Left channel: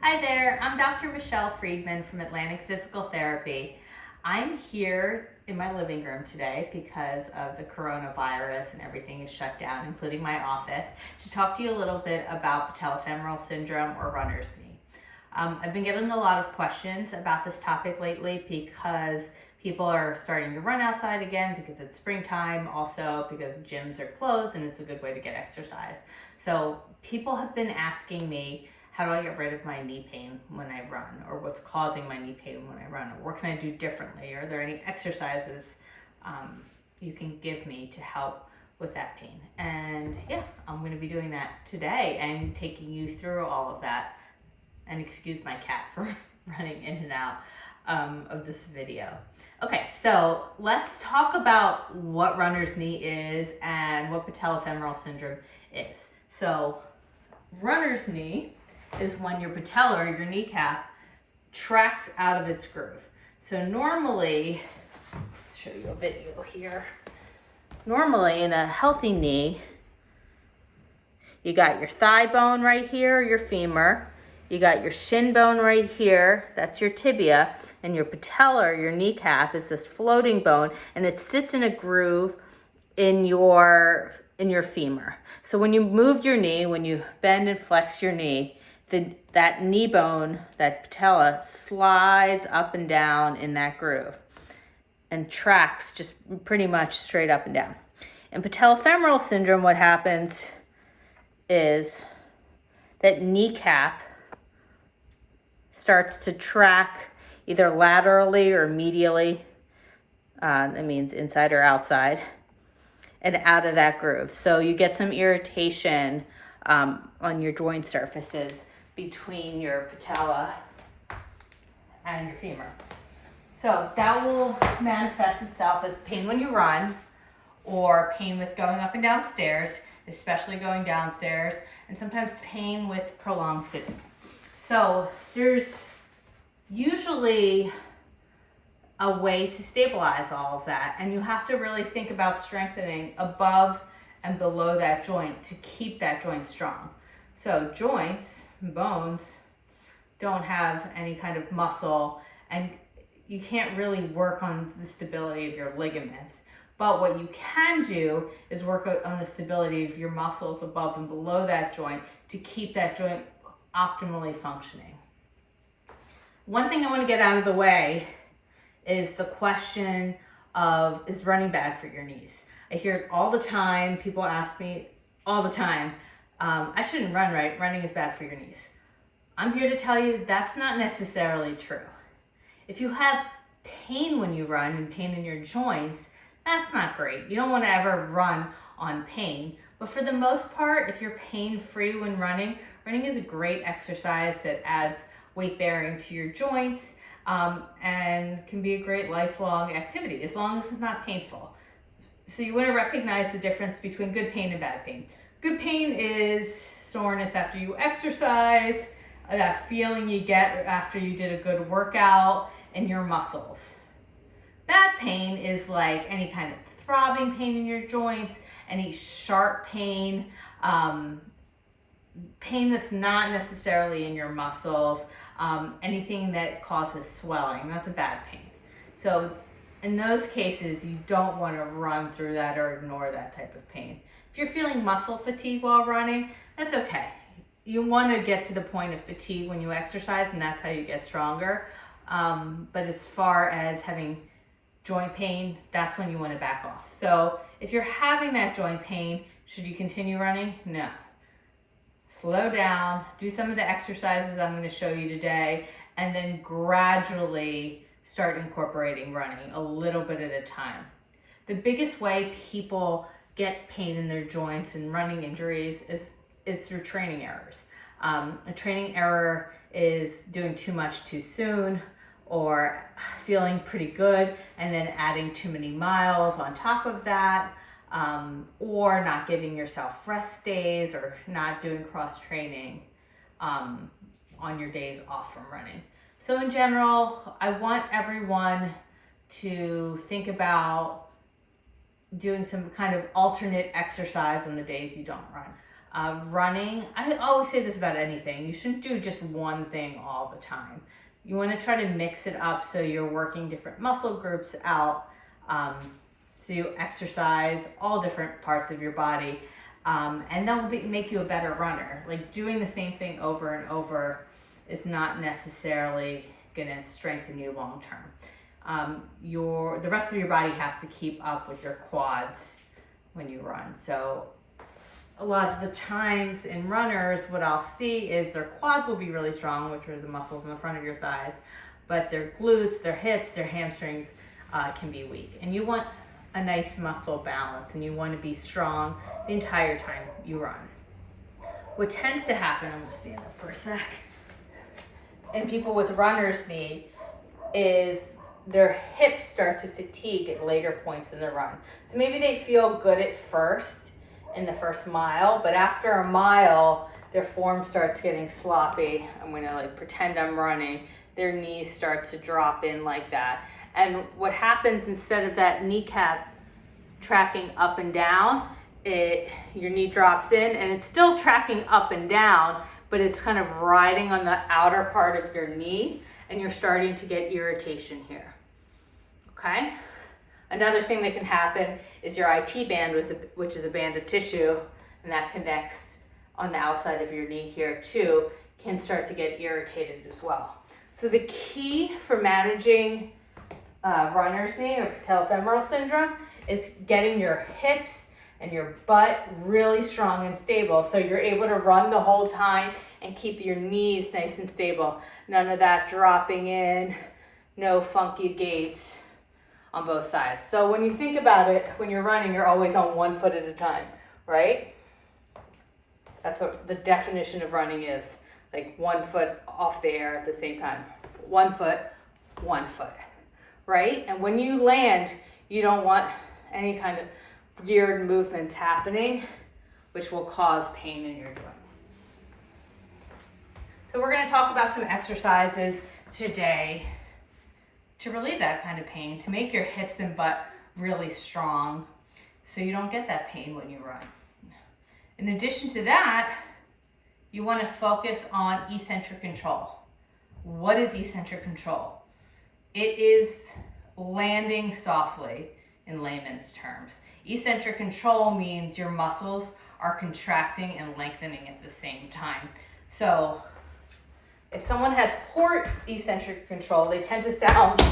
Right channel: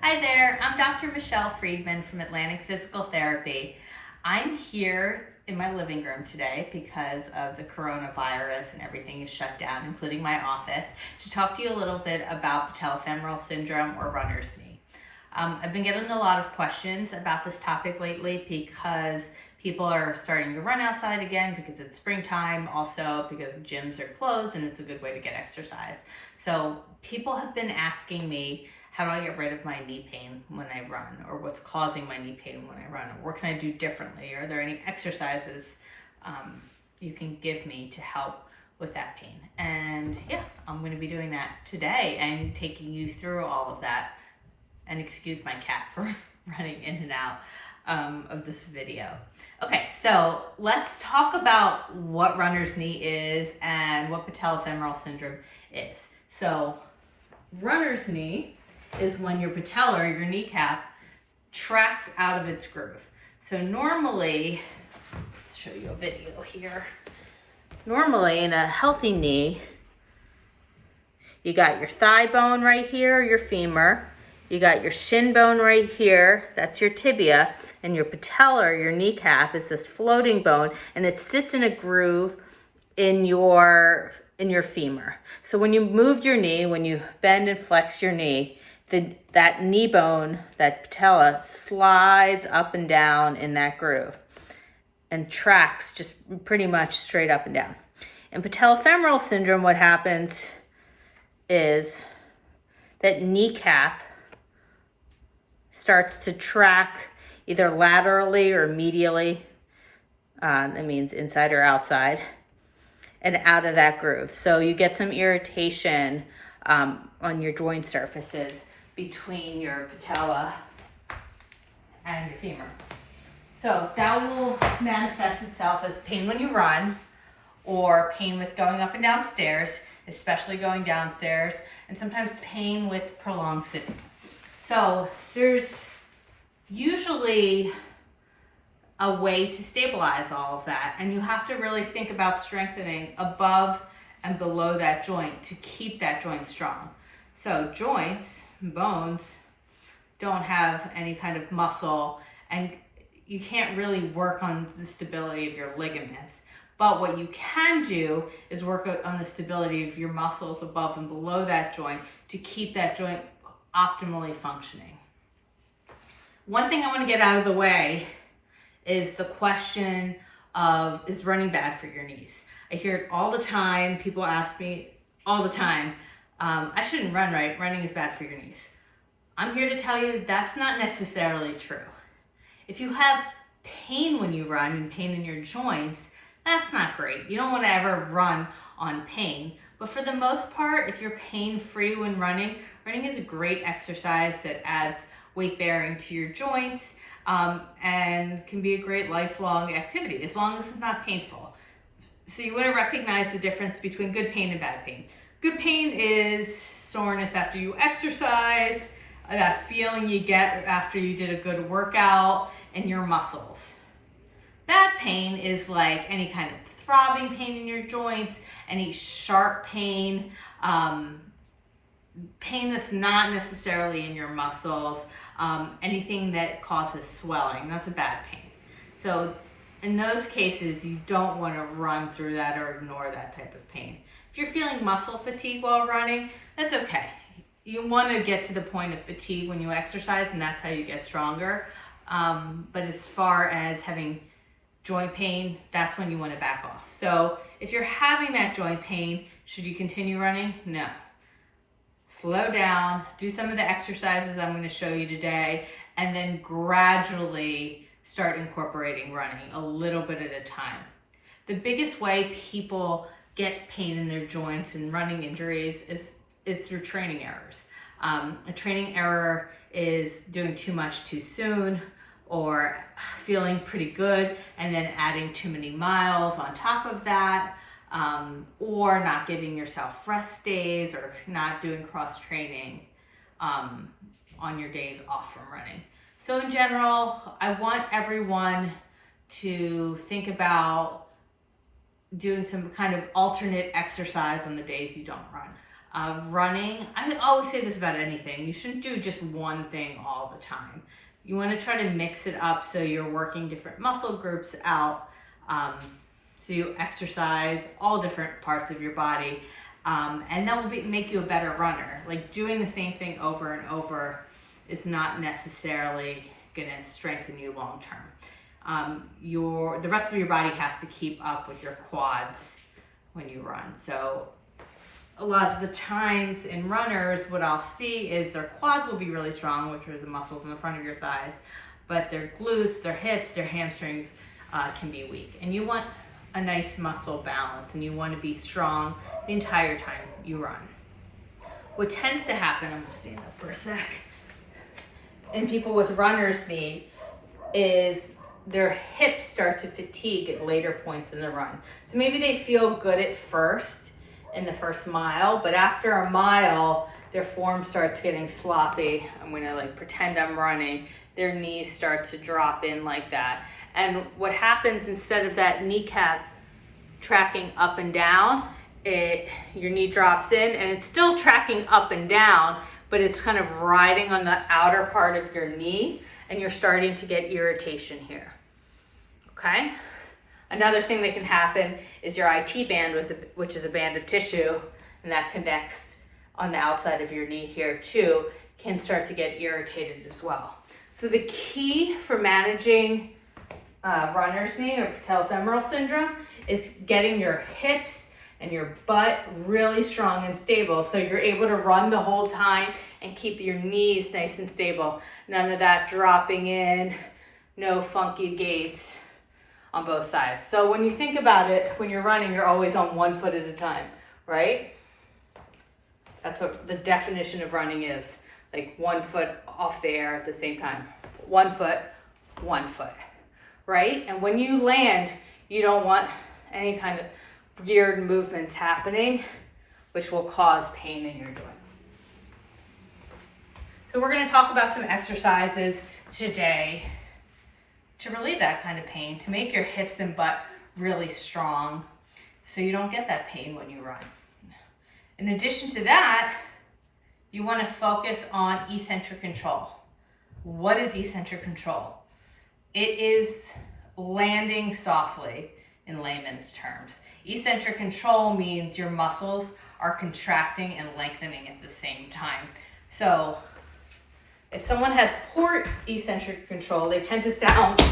Hi there, I'm Dr. Michelle Friedman from Atlantic Physical Therapy. I'm here in my living room today because of the coronavirus and everything is shut down, including my office, to talk to you a little bit about patellofemoral syndrome or runner's knee. I've been getting a lot of questions about this topic lately because people are starting to run outside again because it's springtime, also because gyms are closed and it's a good way to get exercise. So people have been asking me, how do I get rid of my knee pain when I run, or what's causing my knee pain when I run, or what can I do differently? Are there any exercises you can give me to help with that pain? And yeah, I'm going to be doing that today and taking you through all of that. And excuse my cat for running in and out of this video. Okay, so let's talk about what runner's knee is and what patellofemoral syndrome is. So runner's knee is when your patella, or your kneecap, tracks out of its groove. So normally, let's show you a video here. Normally in a healthy knee, you got your thigh bone right here, your femur. You got your shin bone right here, that's your tibia, and your patella, or your kneecap, is this floating bone, and it sits in a groove in your femur. So when you move your knee, when you bend and flex your knee, that knee bone, that patella, slides up and down in that groove and tracks just pretty much straight up and down. In patellofemoral syndrome, what happens is that kneecap starts to track either laterally or medially, that means inside or outside, and out of that groove. So you get some irritation on your joint surfaces between your patella and your femur. So that will manifest itself as pain when you run, or pain with going up and down stairs, especially going downstairs, and sometimes pain with prolonged sitting. So there's usually a way to stabilize all of that, and you have to really think about strengthening above and below that joint to keep that joint strong. So joints, bones, don't have any kind of muscle, and you can't really work on the stability of your ligaments. But what you can do is work on the stability of your muscles above and below that joint to keep that joint optimally functioning. One thing I want to get out of the way is the question of, is running bad for your knees? I hear it all the time. People ask me all the time, I shouldn't run, right? Running is bad for your knees. I'm here to tell you that's not necessarily true. If you have pain when you run and pain in your joints, that's not great. You don't want to ever run on pain. But for the most part, if you're pain-free when running, running is a great exercise that adds weight bearing to your joints and can be a great lifelong activity as long as it's not painful. So you want to recognize the difference between good pain and bad pain. Good pain is soreness after you exercise, that feeling you get after you did a good workout in your muscles. Bad pain is like any kind of throbbing pain in your joints, any sharp pain, pain that's not necessarily in your muscles, anything that causes swelling, that's a bad pain. So in those cases, you don't want to run through that or ignore that type of pain. If you're feeling muscle fatigue while running, that's okay. You want to get to the point of fatigue when you exercise, and that's how you get stronger. But as far as having joint pain, that's when you want to back off. So if you're having that joint pain, should you continue running? No. Slow down, do some of the exercises I'm going to show you today, and then gradually start incorporating running a little bit at a time. The biggest way people get pain in their joints and running injuries is through training errors. A training error is doing too much too soon, or feeling pretty good and then adding too many miles on top of that, or not giving yourself rest days, or not doing cross training on your days off from running. So in general, I want everyone to think about doing some kind of alternate exercise on the days you don't run. Running, I always say this about anything, you shouldn't do just one thing all the time. You want to try to mix it up so you're working different muscle groups out. So you exercise all different parts of your body, and that will make you a better runner. Like doing the same thing over and over is not necessarily going to strengthen you long term. The rest of your body has to keep up with your quads when you run. So a lot of the times in runners, what I'll see is their quads will be really strong, which are the muscles in the front of your thighs, but their glutes, their hips, their hamstrings can be weak. And you want a nice muscle balance, and you want to be strong the entire time you run. What tends to happen, I'm going to stand up for a sec, in people with runner's knee is their hips start to fatigue at later points in the run. So maybe they feel good at first in the first mile, but after a mile, their form starts getting sloppy. I'm going to pretend I'm running. Their knees start to drop in like that. And what happens, instead of that kneecap tracking up and down, your knee drops in and it's still tracking up and down, but it's kind of riding on the outer part of your knee, and you're starting to get irritation here. Okay? Another thing that can happen is your IT band, which is a band of tissue, and that connects on the outside of your knee here too, can start to get irritated as well. So the key for managing runner's knee or Patello-femoral syndrome is getting your hips and your butt really strong and stable, so you're able to run the whole time and keep your knees nice and stable. None of that dropping in, no funky gaits on both sides. So when you think about it, when you're running, you're always on one foot at a time, right? That's what the definition of running is, like 1 foot off the air at the same time. 1 foot, 1 foot, right? And when you land, you don't want any kind of weird movements happening, which will cause pain in your joints. So we're going to talk about some exercises today to relieve that kind of pain, to make your hips and butt really strong so you don't get that pain when you run. In addition to that, you want to focus on eccentric control. What is eccentric control? It is landing softly in layman's terms. Eccentric control means your muscles are contracting and lengthening at the same time. So if someone has poor eccentric control, they tend to sound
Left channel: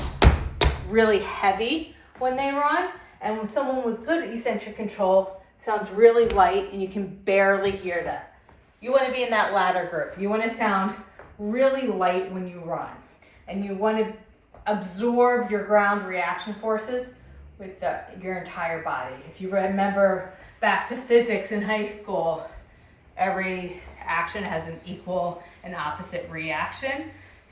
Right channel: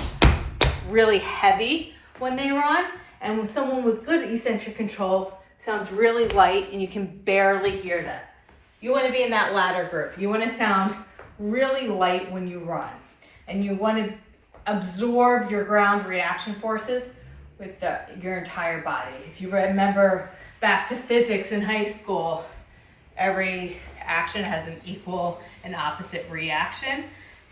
really heavy when they run. And with someone with good eccentric control, sounds really light and you can barely hear that. You want to be in that latter group. You want to sound really light when you run. And you want to absorb your ground reaction forces with your entire body. If you remember back to physics in high school, every action has an equal and opposite reaction.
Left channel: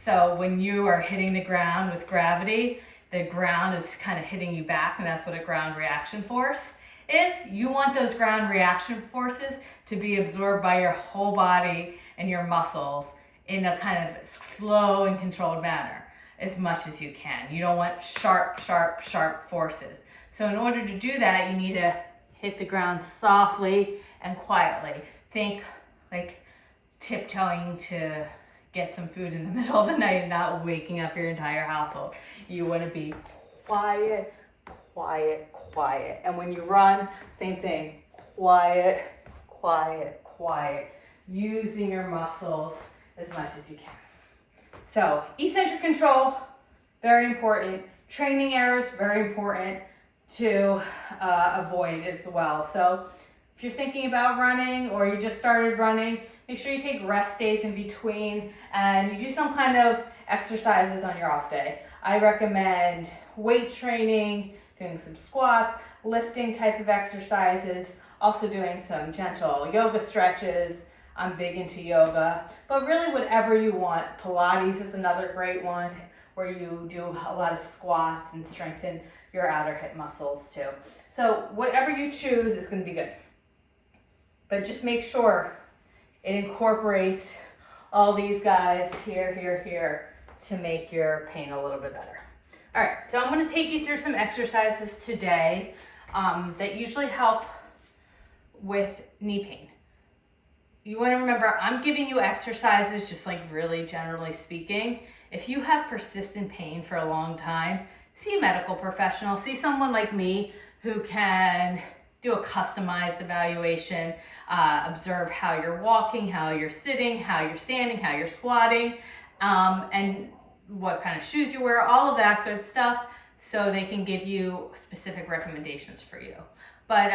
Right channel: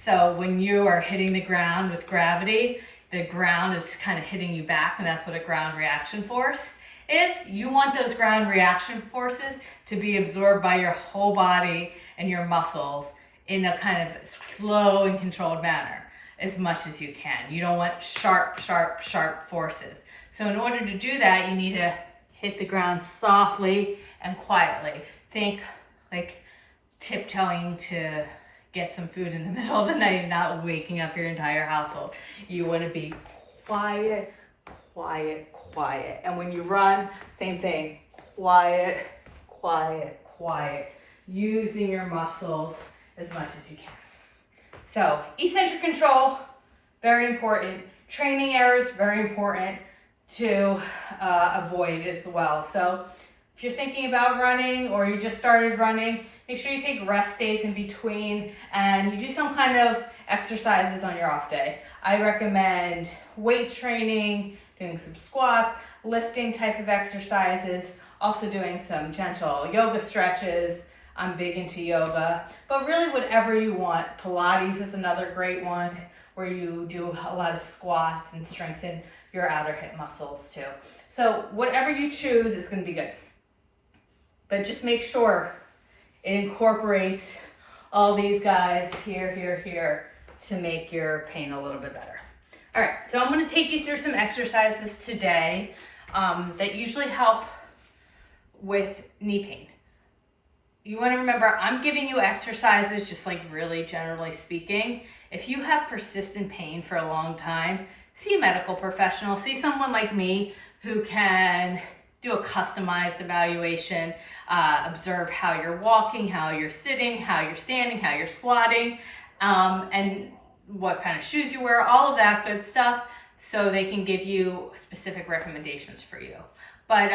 So when you are hitting the ground with gravity, the ground is kind of hitting you back, and that's what a ground reaction force is. You want those ground reaction forces to be absorbed by your whole body and your muscles in a kind of slow and controlled manner as much as you can. You don't want sharp, sharp, sharp forces. So in order to do that, you need to hit the ground softly and quietly. Think like tiptoeing to get some food in the middle of the night and not waking up your entire household. You want to be quiet, quiet, quiet. And when you run, same thing, quiet, quiet, quiet, using your muscles as much as you can. So eccentric control, very important. Training errors, very important to avoid as well. So if you're thinking about running or you just started running, make sure you take rest days in between and you do some kind of exercises on your off day. I recommend weight training, doing some squats, lifting type of exercises, also doing some gentle yoga stretches. I'm big into yoga, but really whatever you want. Pilates is another great one where you do a lot of squats and strengthen your outer hip muscles too. So whatever you choose is going to be good. But just make sure it incorporates all these guys here to make your pain a little bit better. All right, so I'm going to take you through some exercises today that usually help with knee pain. you want to remember, I'm giving you exercises just like really generally speaking. If you have persistent pain for a long time, see a medical professional, see someone like me who can do a customized evaluation, observe how you're walking, how you're sitting, how you're standing, how you're squatting, and what kind of shoes you wear, all of that good stuff, so they can give you specific recommendations for you. But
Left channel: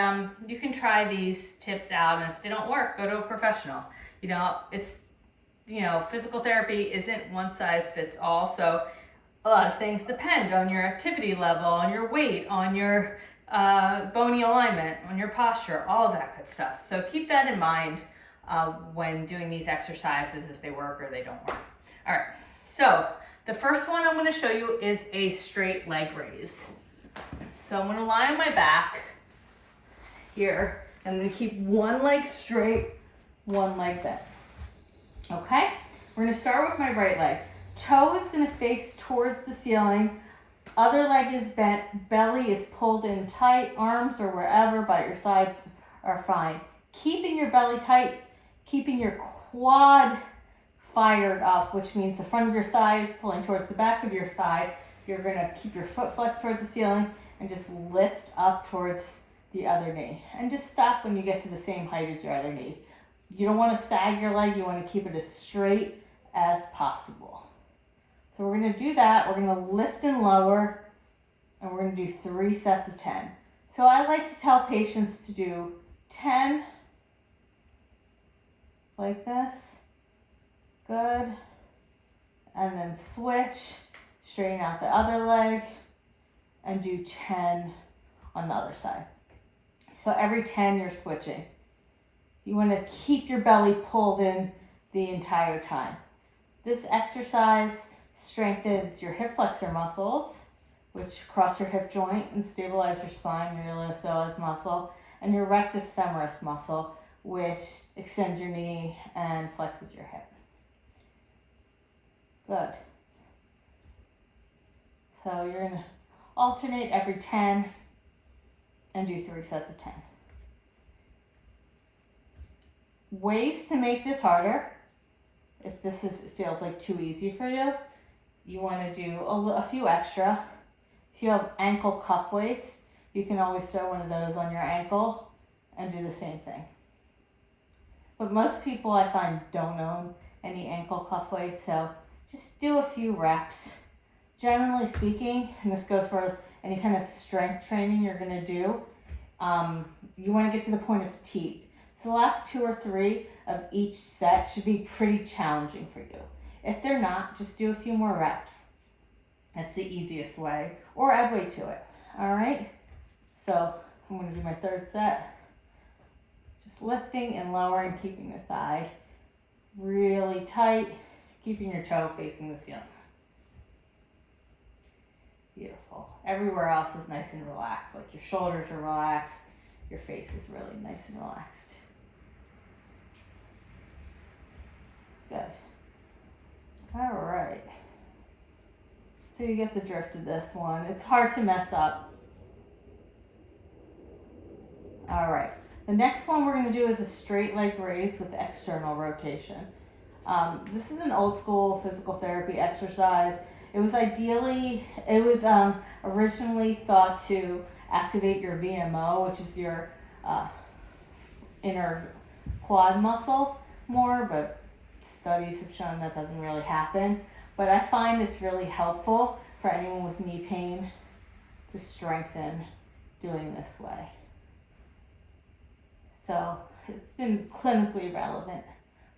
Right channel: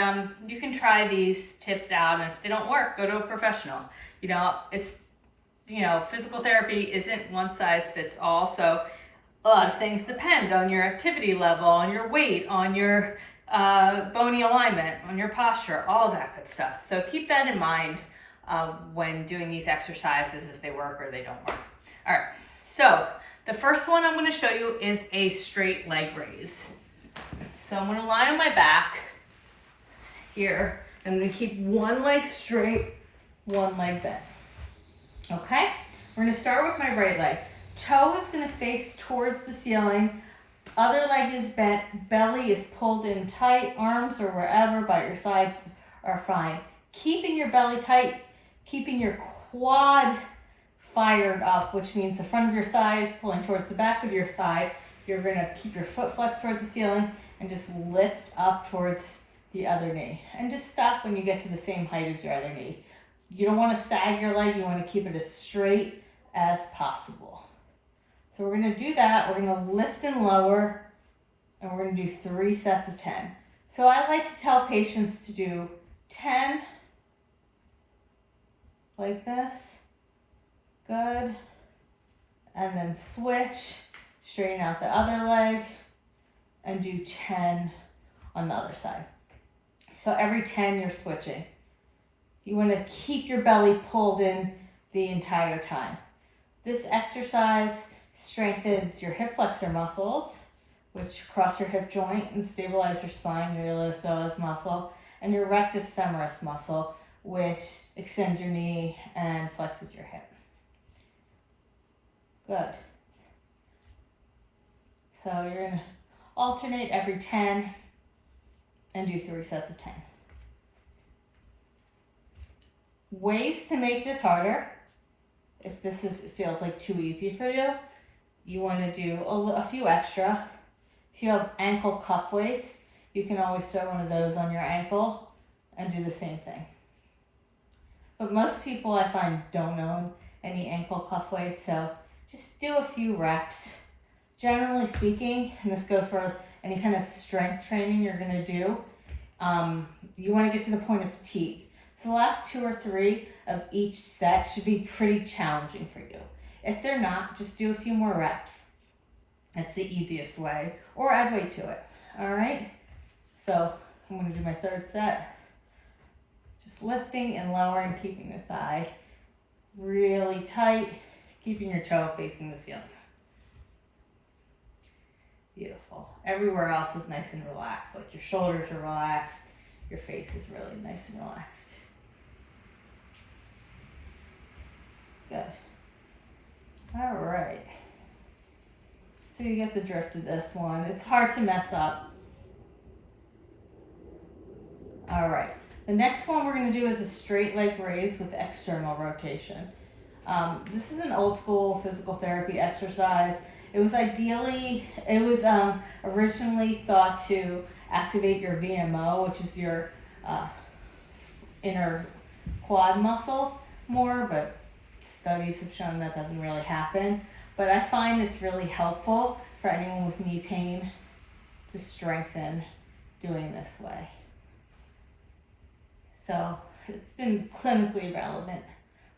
you can try these tips out, and if they don't work, go to a professional. Physical therapy isn't one size fits all, so a lot of things depend on your activity level, on your weight, on your bony alignment, on your posture, all of that good stuff. So keep that in mind when doing these exercises, if they work or they don't work. All right, so the first one I'm going to show you is a straight leg raise. So I'm going to lie on my back here. I'm going to keep one leg straight, one leg bent. Okay, we're going to start with my right leg. Toe is going to face towards the ceiling. Other leg is bent. Belly is pulled in tight. Arms or wherever by your side are fine. Keeping your belly tight, keeping your quad fired up, which means the front of your thigh is pulling towards the back of your thigh. You're going to keep your foot flexed towards the ceiling and just lift up towards the other knee. And just stop when you get to the same height as your other knee. You don't want to sag your leg. You want to keep it as straight as possible. So we're going to do that. We're going to lift and lower, and we're going to do 3 sets of 10. So I like to tell patients to do 10 like this. Good. And then switch, straighten out the other leg, and do 10 on the other side. So every 10 you're switching. You want to keep your belly pulled in the entire time. This exercise strengthens your hip flexor muscles, which cross your hip joint and stabilize your spine, your iliopsoas muscle, and your rectus femoris muscle, which extends your knee and flexes your hip. Good. So you're going to alternate every 10 and do 3 sets of 10. Ways to make this harder, if this feels like too easy for you, you want to do a few extra. If you have ankle cuff weights, you can always throw one of those on your ankle and do the same thing. But most people I find don't own any ankle cuff weights, so just do a few reps. Generally speaking, and this goes for any kind of strength training you're going to do, you want to get to the point of fatigue. So the last 2 or 3 of each set should be pretty challenging for you. If they're not, just do a few more reps. That's the easiest way, or add weight to it. All right? So I'm going to do my 3rd set. Just lifting and lowering, keeping the thigh really tight, keeping your toe facing the ceiling. Beautiful. Everywhere else is nice and relaxed, like your shoulders are relaxed, your face is really nice and relaxed. Good. All right. So you get the drift of this one. It's hard to mess up. All right. The next one we're going to do is a straight leg raise with external rotation. This is an old school physical therapy exercise. It was originally thought to activate your VMO, which is your inner quad muscle more, but studies have shown that doesn't really happen. But I find it's really helpful for anyone with knee pain to strengthen doing this way. So it's been clinically relevant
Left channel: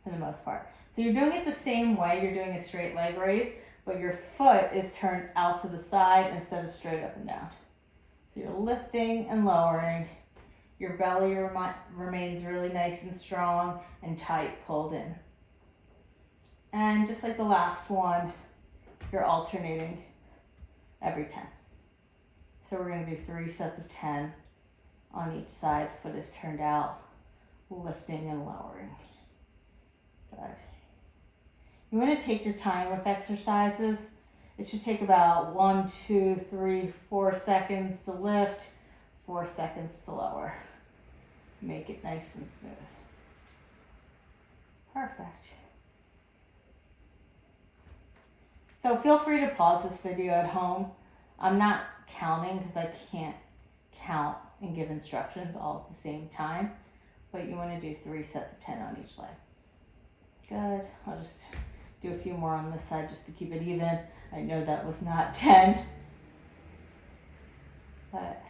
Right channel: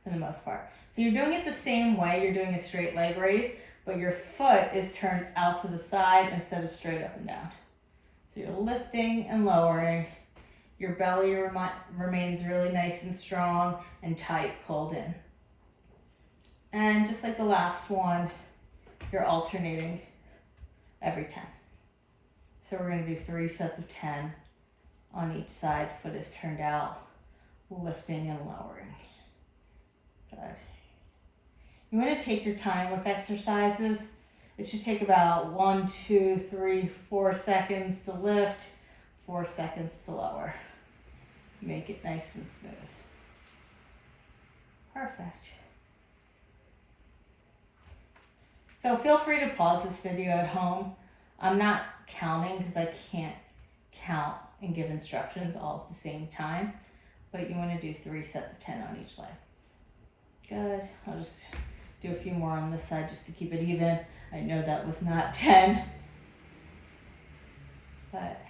for the most part. So you're doing it the same way you're doing a straight leg raise, but your foot is turned out to the side instead of straight up and down. So you're lifting and lowering. Your belly remains really nice and strong and tight, pulled in. And just like the last one, you're alternating every 10. So we're going to do 3 sets of 10 on each side. Foot is turned out, lifting and lowering. Good. You want to take your time with exercises. It should take about 1, 2, 3, 4 seconds to lift, 4 seconds to lower. Make it nice and smooth. Perfect. So feel free to pause this video at home. I'm not counting because I can't count and give instructions all at the same time, but you want to do 3 sets of 10 on each leg. Good. I'll just do a few more on this side just to keep it even. I know that was not 10, but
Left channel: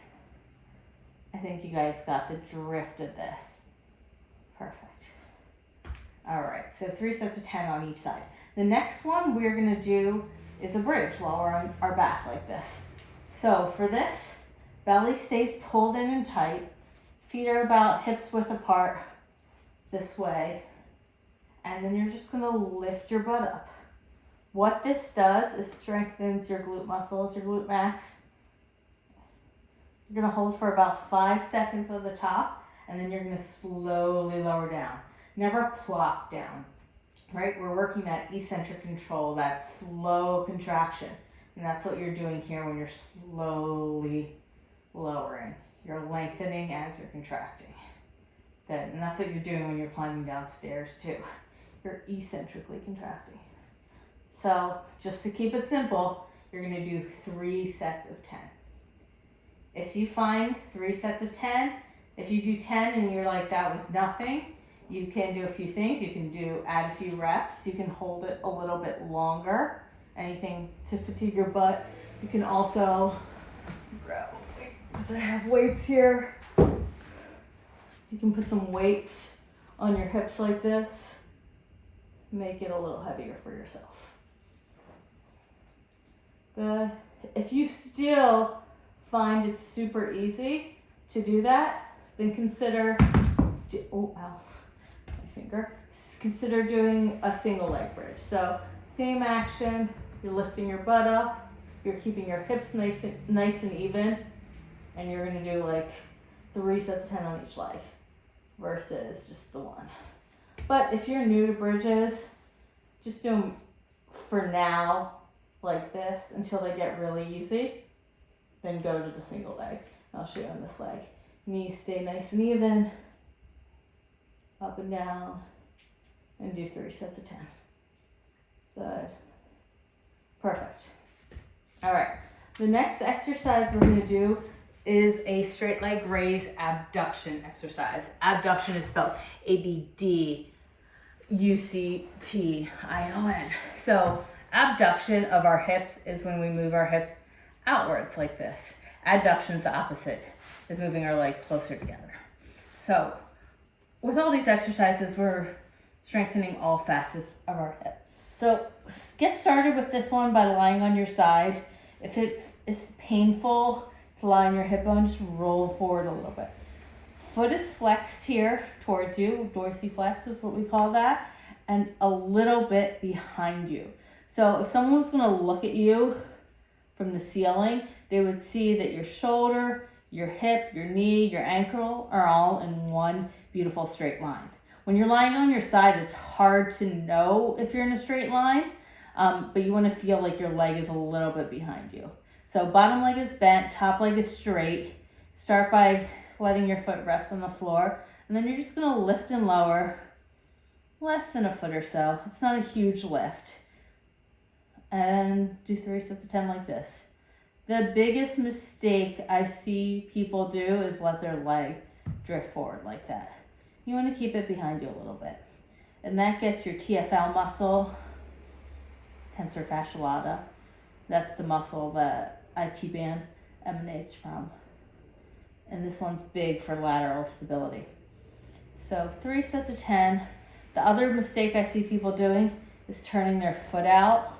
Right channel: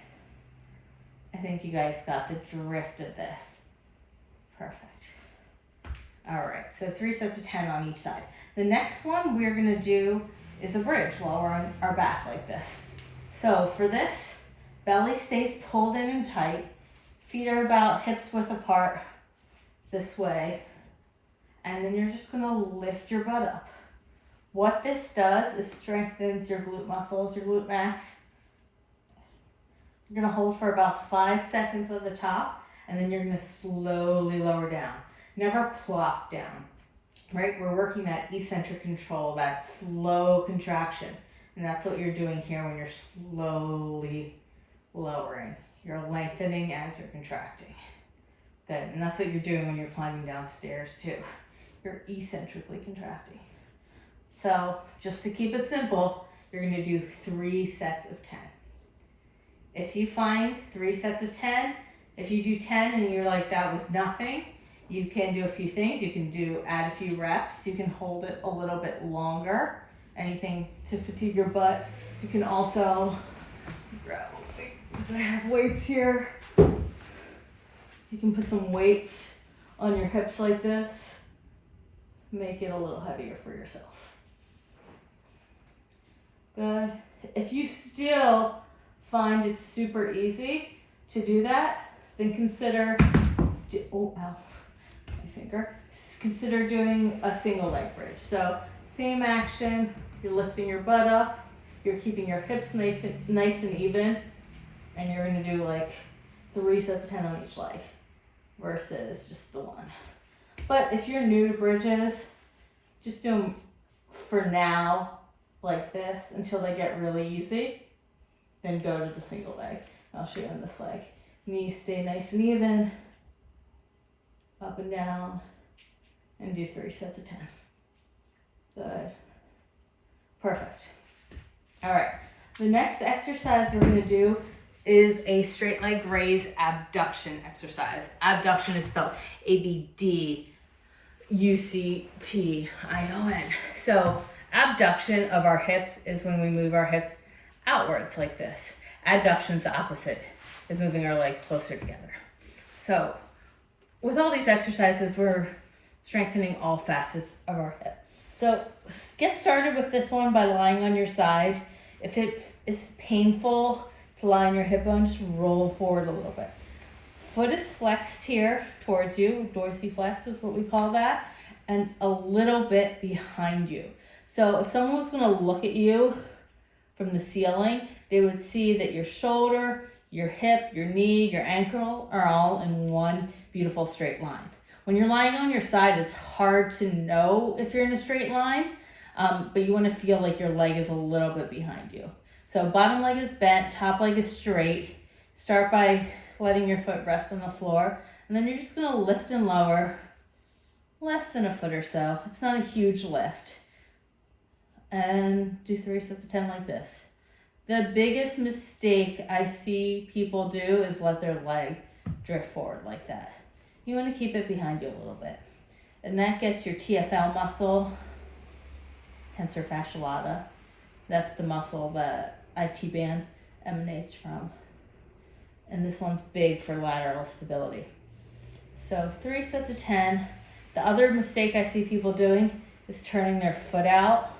I think you guys got the drift of this. Perfect. All right, so 3 sets of 10 on each side. The next one we're gonna do is a bridge while we're on our back like this. So for this, belly stays pulled in and tight. Feet are about hips width apart this way. And then you're just gonna lift your butt up. What this does is strengthens your glute muscles, your glute max. You're gonna hold for about 5 seconds at the top, and then you're gonna slowly lower down. Never plop down, right? We're working that eccentric control, that slow contraction. And that's what you're doing here when you're slowly lowering. You're lengthening as you're contracting. Good, and that's what you're doing when you're climbing downstairs too. You're eccentrically contracting. So just to keep it simple, you're gonna do 3 sets of 10. If you find 3 sets of 10, if you do 10 and you're like, that was nothing, you can do a few things. You can add a few reps. You can hold it a little bit longer. Anything to fatigue your butt. You can also grab a weight, because I have weights here. You can put some weights on your hips like this. Make it a little heavier for yourself. Good. If you still find it's super easy to do that, then consider, consider doing a single leg bridge. So same action, you're lifting your butt up, you're keeping your hips nice and even, and you're gonna do like 3 sets of 10 on each leg versus just the one. But if you're new to bridges, just do them for now like this until they get really easy. Then go to the single leg. I'll show you on this leg. Knees stay nice and even, up and down, and do 3 sets of 10. Good. Perfect. All right. The next exercise we're going to do is a straight leg raise abduction exercise. Abduction is spelled ABDUCTION. So abduction of our hips is when we move our hips outwards like this. Adduction is the opposite, is moving our legs closer together. So with all these exercises, we're strengthening all facets of our hip. So get started with this one by lying on your side. If it's painful to lie on your hip bone, just roll forward a little bit. Foot is flexed here towards you, dorsiflex is what we call that, and a little bit behind you. So if someone was gonna look at you from the ceiling, they would see that your shoulder, your hip, your knee, your ankle are all in one beautiful straight line. When you're lying on your side, it's hard to know if you're in a straight line, but you want to feel like your leg is a little bit behind you. So bottom leg is bent, top leg is straight. Start by letting your foot rest on the floor, and then you're just going to lift and lower less than a foot or so. It's not a huge lift. And do 3 sets of 10 like this. The biggest mistake I see people do is let their leg drift forward like that. You want to keep it behind you a little bit. And that gets your TFL muscle, tensor fasciae lata. That's the muscle that IT band emanates from. And this one's big for lateral stability. So 3 sets of 10. The other mistake I see people doing is turning their foot out.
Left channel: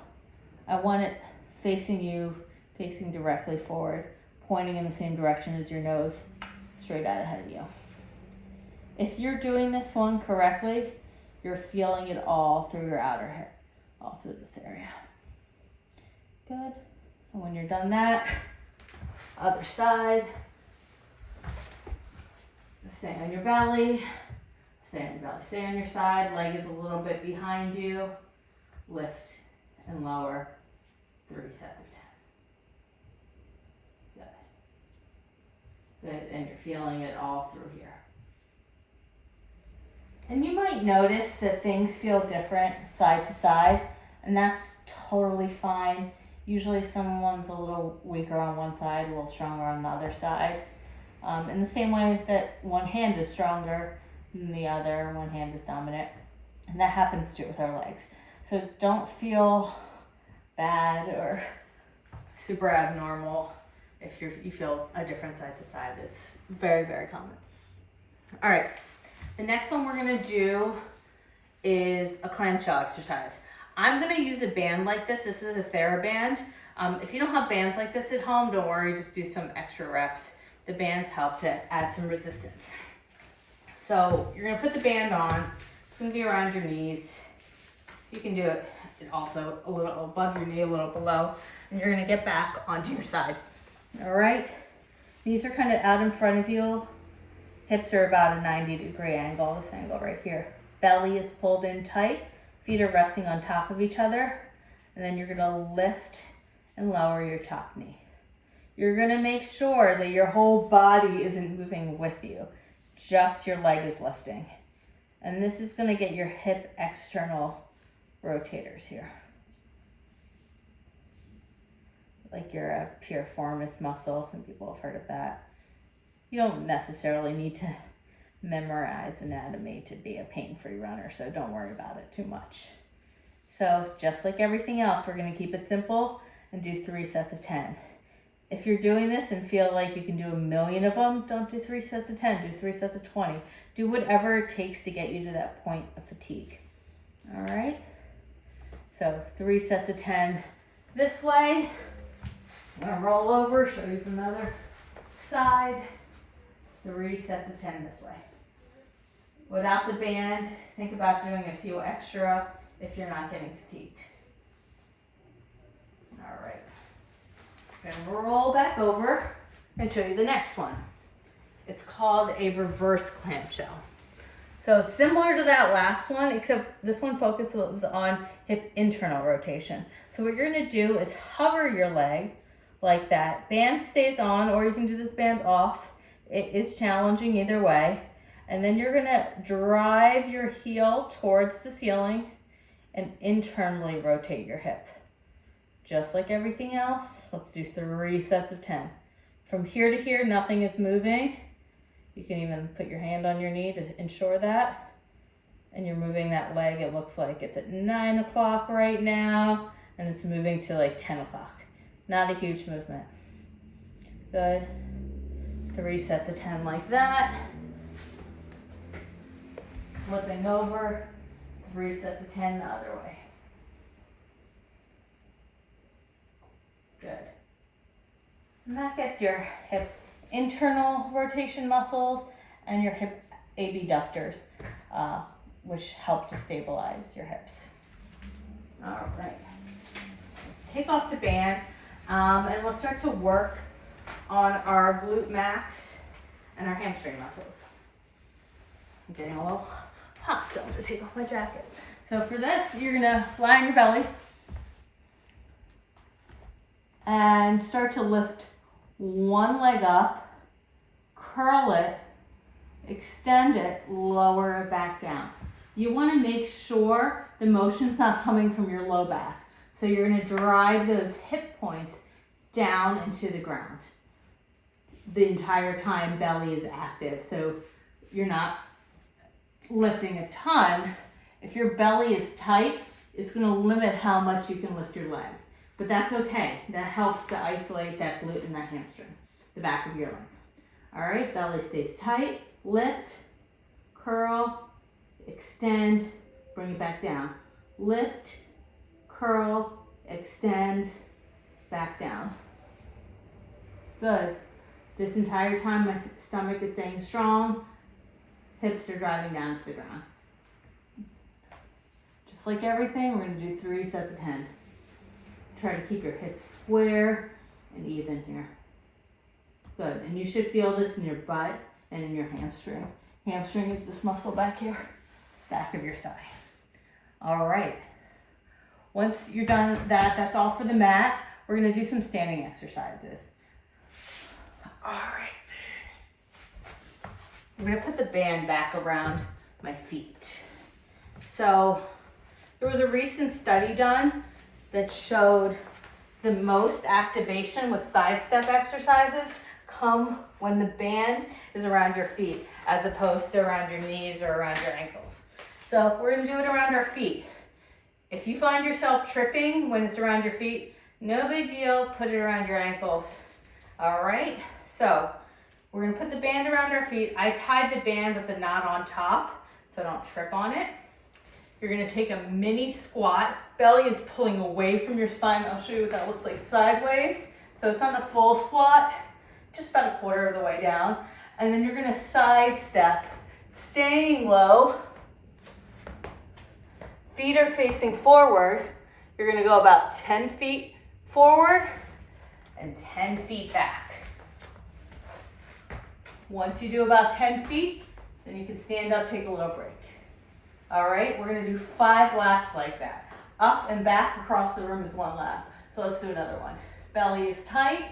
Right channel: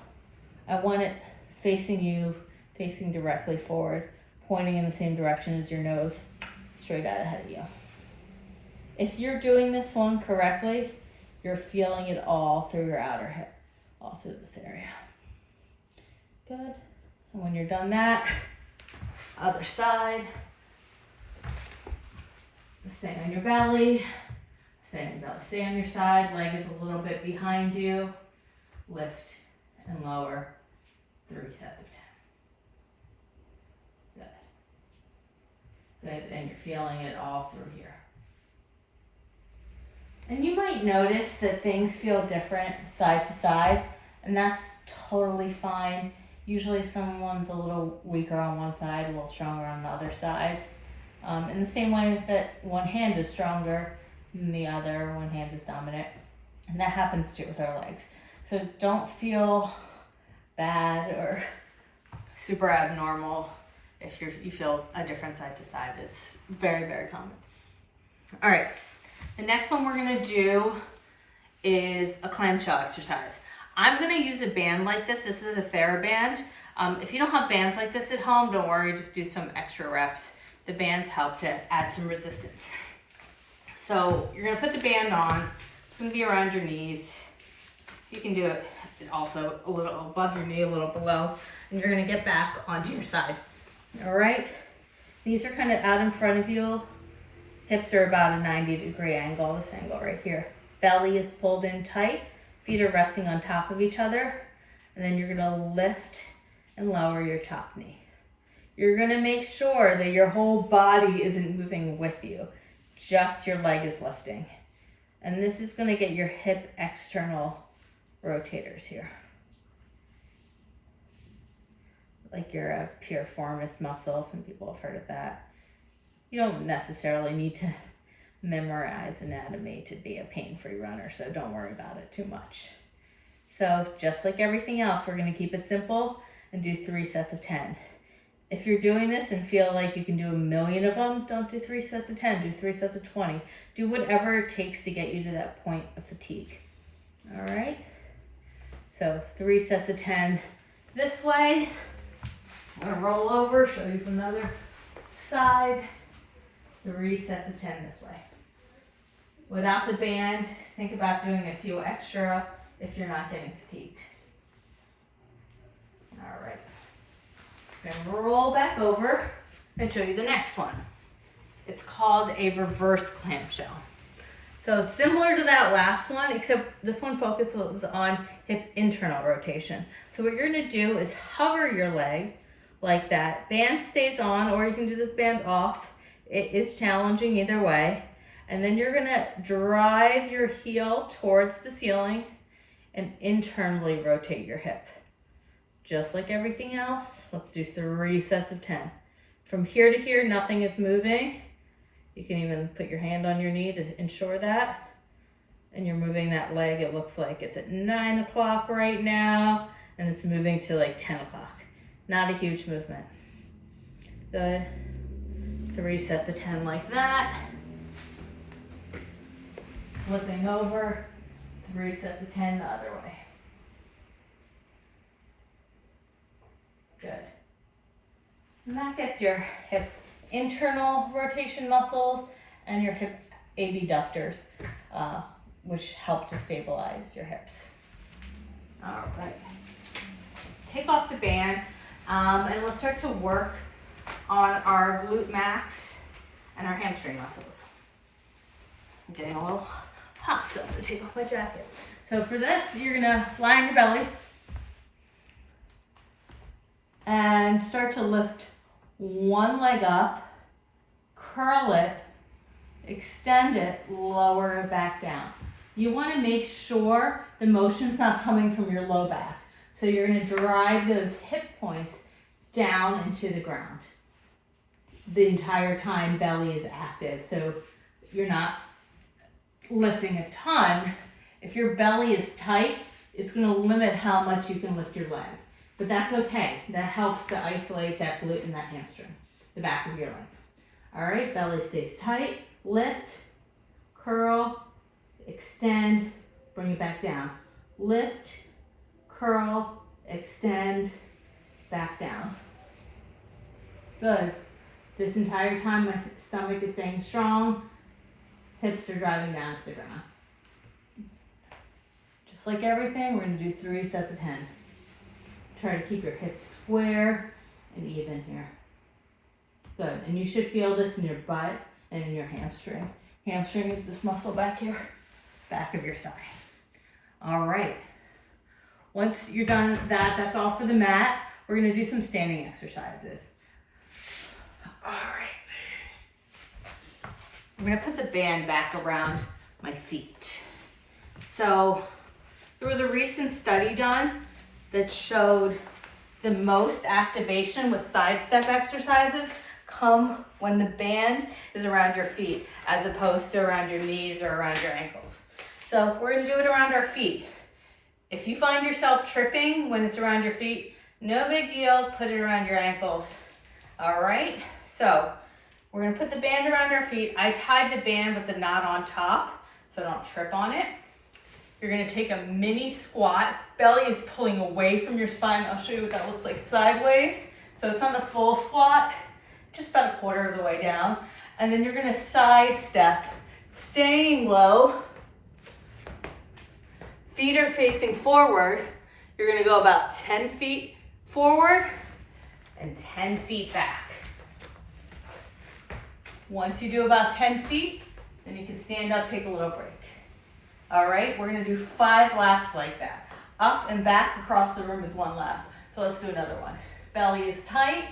I want it facing you, facing directly forward, pointing in the same direction as your nose, straight out ahead of you. If you're doing this one correctly, you're feeling it all through your outer hip, all through this area. Good. And when you're done that, other side. Stay on your belly. Stay on your belly. Stay on your side. Leg is a little bit behind you. Lift and lower. 3 sets of 10. Good. Good. And you're feeling it all through here. And you might notice that things feel different side to side, and that's totally fine. Usually someone's a little weaker on one side, a little stronger on the other side. In the same way that one hand is stronger than the other, one hand is dominant. And that happens too with our legs. So don't feel bad or super abnormal if you feel a different side to side. It's very, very common. All right, the next one we're gonna do is a clamshell exercise. I'm gonna use a band like this. This is a TheraBand. If you don't have bands like this at home, don't worry, just do some extra reps. The bands help to add some resistance. So you're gonna put the band on. It's gonna be around your knees. You can do it also a little above your knee, a little below, and you're gonna get back onto your side. All right, knees are kind of out in front of you. Hips are about a 90-degree angle, this angle right here. Belly is pulled in tight, feet are resting on top of each other, and then you're gonna lift and lower your top knee. You're gonna make sure that your whole body isn't moving with you, just your leg is lifting. And this is gonna get your hip external rotators here. Like your piriformis muscle, some people have heard of that. You don't necessarily need to memorize anatomy to be a pain-free runner, so don't worry about it too much. So just like everything else, we're gonna keep it simple and do 3 sets of 10. If you're doing this and feel like you can do a million of them, don't do 3 sets of 10, do 3 sets of 20. Do whatever it takes to get you to that point of fatigue. All right? So 3 sets of 10 this way. I'm gonna roll over, show you from the other side. 3 sets of 10 this way. Without the band, think about doing a few extra if you're not getting fatigued. All right. And roll back over and show you the next one. It's called a reverse clamshell. So similar to that last one, except this one focuses on hip internal rotation. So what you're gonna do is hover your leg like that. Band stays on, or you can do this band off. It is challenging either way. And then you're gonna drive your heel towards the ceiling and internally rotate your hip. Just like everything else, let's do 3 sets of 10. From here to here, nothing is moving. You can even put your hand on your knee to ensure that. And you're moving that leg, it looks like it's at 9 o'clock right now, and it's moving to like 10 o'clock. Not a huge movement. Good. 3 sets of 10 like that. Flipping over, 3 sets of 10 the other way. Good. And that gets your hip internal rotation muscles and your hip abductors, which help to stabilize your hips. All right. Let's take off the band and let's start to work on our glute max and our hamstring muscles. I'm getting a little hot, so I'm gonna take off my jacket. So for this, you're gonna lie on your belly and start to lift one leg up, curl it, extend it, lower it back down. You want to make sure the motion's not coming from your low back. So you're going to drive those hip points down into the ground. The entire time belly is active, so you're not lifting a ton. If your belly is tight, it's going to limit how much you can lift your leg. But that's okay. That helps to isolate that glute and that hamstring, the back of your leg. All right, belly stays tight. Lift, curl, extend, bring it back down. Lift, curl, extend, back down. Good. This entire time my stomach is staying strong. Hips are driving down to the ground. Just like everything, we're going to do 3 sets of 10. Try to keep your hips square and even here. Good, and you should feel this in your butt and in your hamstring. Hamstring is this muscle back here, back of your thigh. All right, once you're done that, that's all for the mat. We're gonna do some standing exercises. All right. I'm gonna put the band back around my feet. So there was a recent study done that showed the most activation with side step exercises come when the band is around your feet as opposed to around your knees or around your ankles. So we're gonna do it around our feet. If you find yourself tripping when it's around your feet, no big deal, put it around your ankles. All right, so we're gonna put the band around our feet. I tied the band with the knot on top so I don't trip on it. You're gonna take a mini squat. Belly is pulling away from your spine. I'll show you what that looks like sideways. So it's on the full squat, just about a quarter of the way down. And then you're gonna side step, staying low. Feet are facing forward. You're gonna go about 10 feet forward and 10 feet back. Once you do about 10 feet, then you can stand up, take a little break. All right, we're gonna do 5 laps like that. Up and back across the room is 1 lap. So let's do another one. Belly is tight.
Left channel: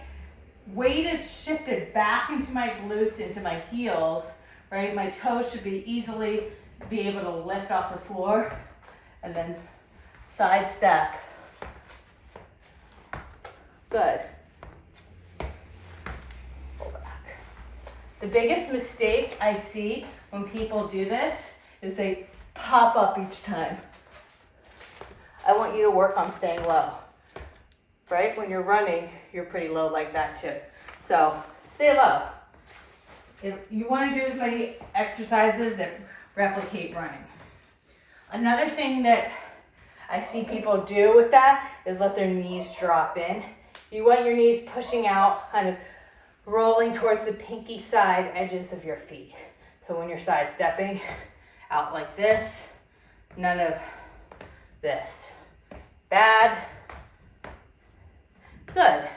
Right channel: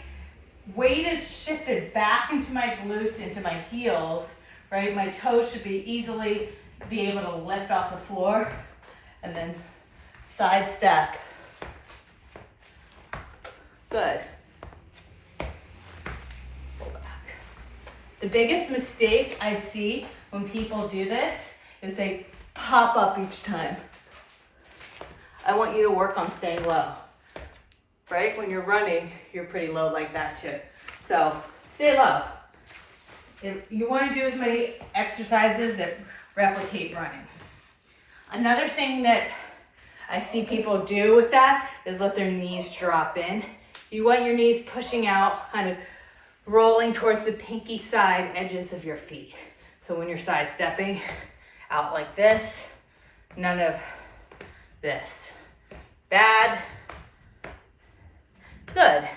Weight is shifted back into my glutes, into my heels, right? My toes should be easily be able to lift off the floor. And then side step. Good. Pull back. The biggest mistake I see when people do this is they pop up each time. I want you to work on staying low, right? When you're running, you're pretty low like that too. So stay low. You want to do as many exercises that replicate running. Another thing that I see people do with that is let their knees drop in. You want your knees pushing out, kind of rolling towards the pinky side edges of your feet. So when you're side stepping out like this, none of this. Bad. Good.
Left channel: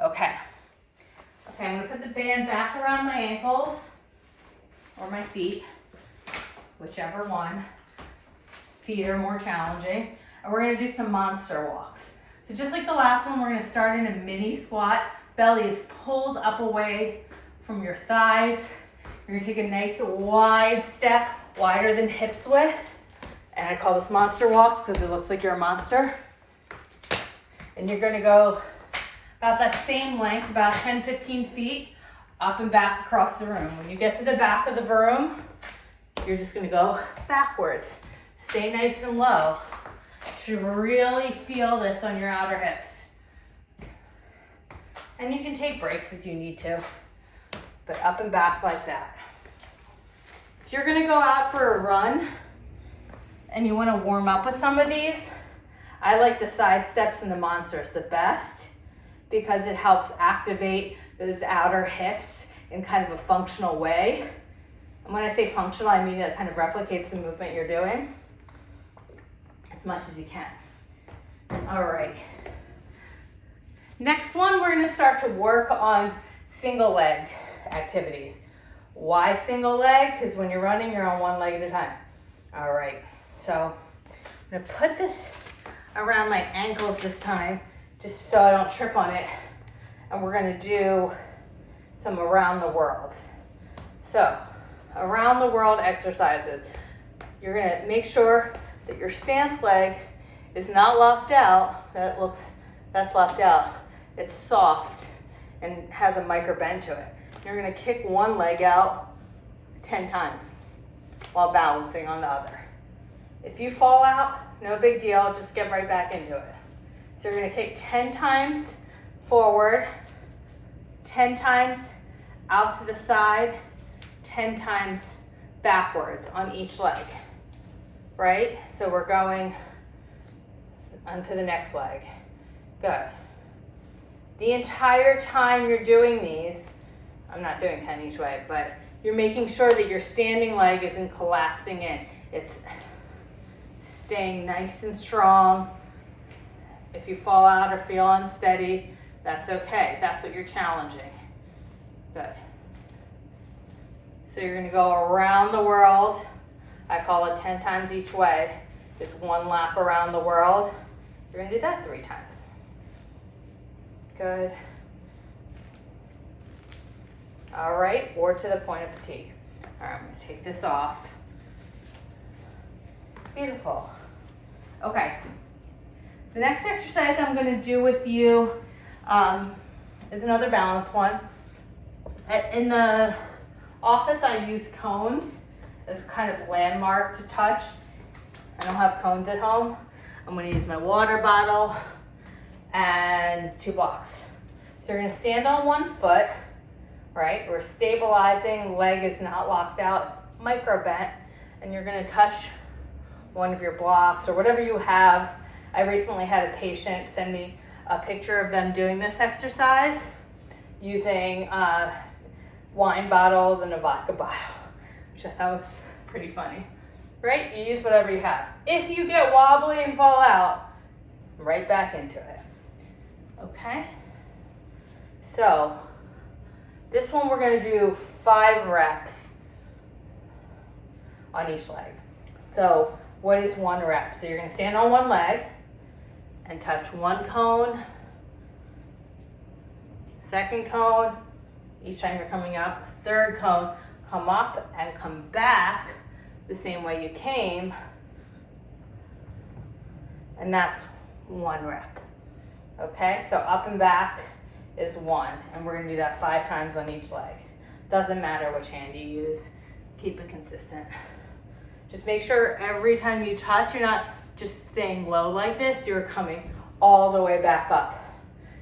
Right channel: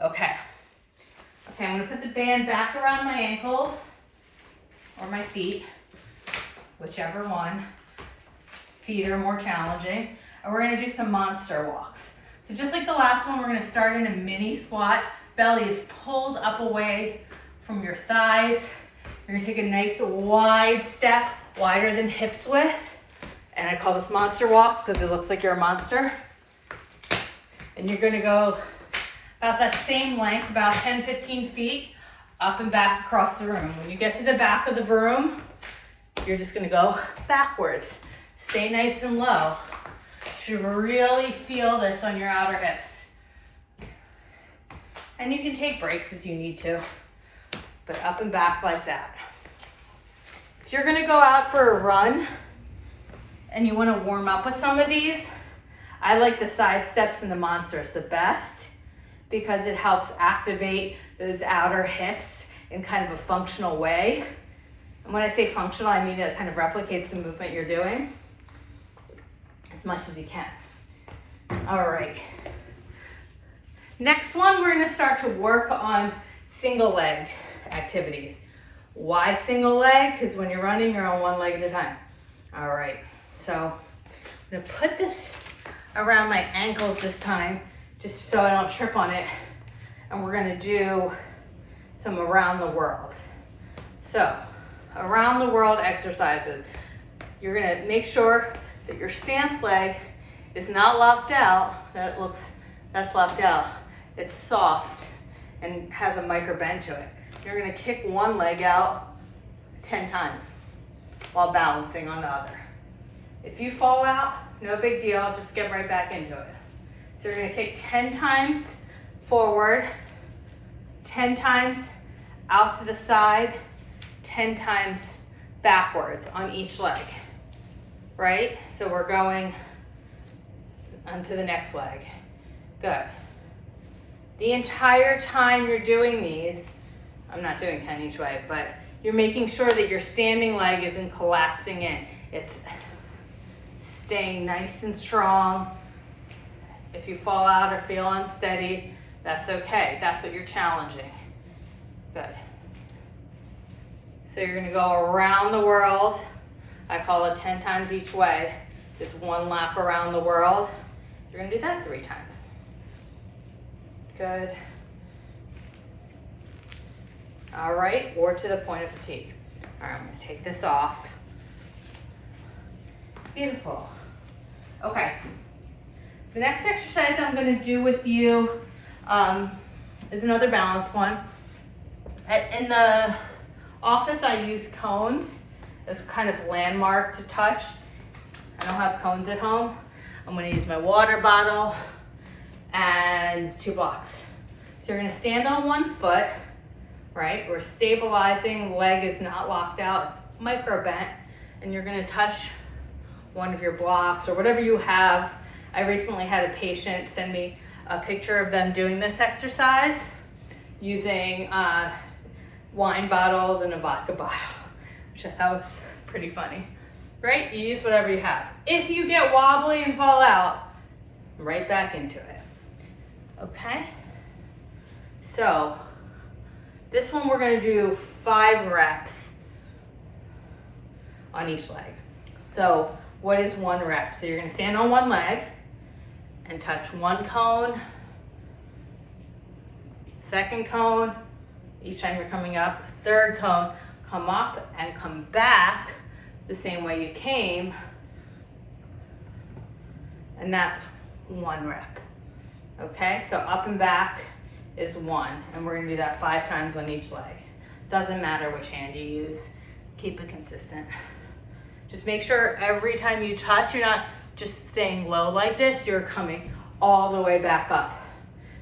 Okay, I'm gonna put the band back around my ankles or my feet, whichever one. Feet are more challenging. And we're gonna do some monster walks. So just like the last one, we're gonna start in a mini squat. Belly is pulled up away from your thighs. You're gonna take a nice wide step, wider than hips width. And I call this monster walks because it looks like you're a monster. And you're gonna go about that same length, about 10, 15 feet, up and back across the room. When you get to the back of the room, you're just gonna go backwards. Stay nice and low. You should really feel this on your outer hips. And you can take breaks as you need to, but up and back like that. If you're gonna go out for a run and you wanna warm up with some of these, I like the side steps and the monsters the best because it helps activate those outer hips in kind of a functional way. And when I say functional, I mean it kind of replicates the movement you're doing as much as you can. All right. Next one, we're gonna start to work on single leg activities. Why single leg? Because when you're running, you're on one leg at a time. All right, so I'm gonna put this around my ankles this time, just so I don't trip on it. And we're gonna do some around the world. So, around the world exercises. You're gonna make sure that your stance leg is not locked out. That's locked out. It's soft and has a micro bend to it. You're gonna kick one leg out 10 times while balancing on the other. If you fall out, no big deal, just get right back into it. So you're gonna kick 10 times forward, 10 times out to the side, 10 times backwards on each leg, right? So we're going onto the next leg. Good. The entire time you're doing these, I'm not doing 10 each way, but you're making sure that your standing leg isn't collapsing in. It's staying nice and strong. If you fall out or feel unsteady, that's okay. That's what you're challenging. Good. So you're gonna go around the world. I call it 10 times each way. Just one lap around the world. You're gonna do that 3 times. Good. All right, or to the point of fatigue. All right, I'm gonna take this off. Beautiful. Okay, the next exercise I'm gonna do with you is another balance one. In the office, I use cones as kind of landmark to touch. I don't have cones at home. I'm gonna use my water bottle and 2 blocks. So you're gonna stand on one foot, right? We're stabilizing, leg is not locked out, it's micro bent, and you're gonna touch one of your blocks or whatever you have. I recently had a patient send me a picture of them doing this exercise using wine bottles and a vodka bottle, which I thought was pretty funny, right? You use whatever you have. If you get wobbly and fall out, right back into it, okay? So this one we're gonna do 5 reps on each leg. So what is 1 rep? So you're gonna stand on one leg and touch 1 cone, 2nd cone, each time you're coming up, 3rd cone, come up and come back the same way you came, and that's 1 rep. Okay, so up and back is 1, and we're gonna do that 5 times on each leg. Doesn't matter which hand you use, keep it consistent. Just make sure every time you touch, you're not just staying low like this, you're coming all the way back up,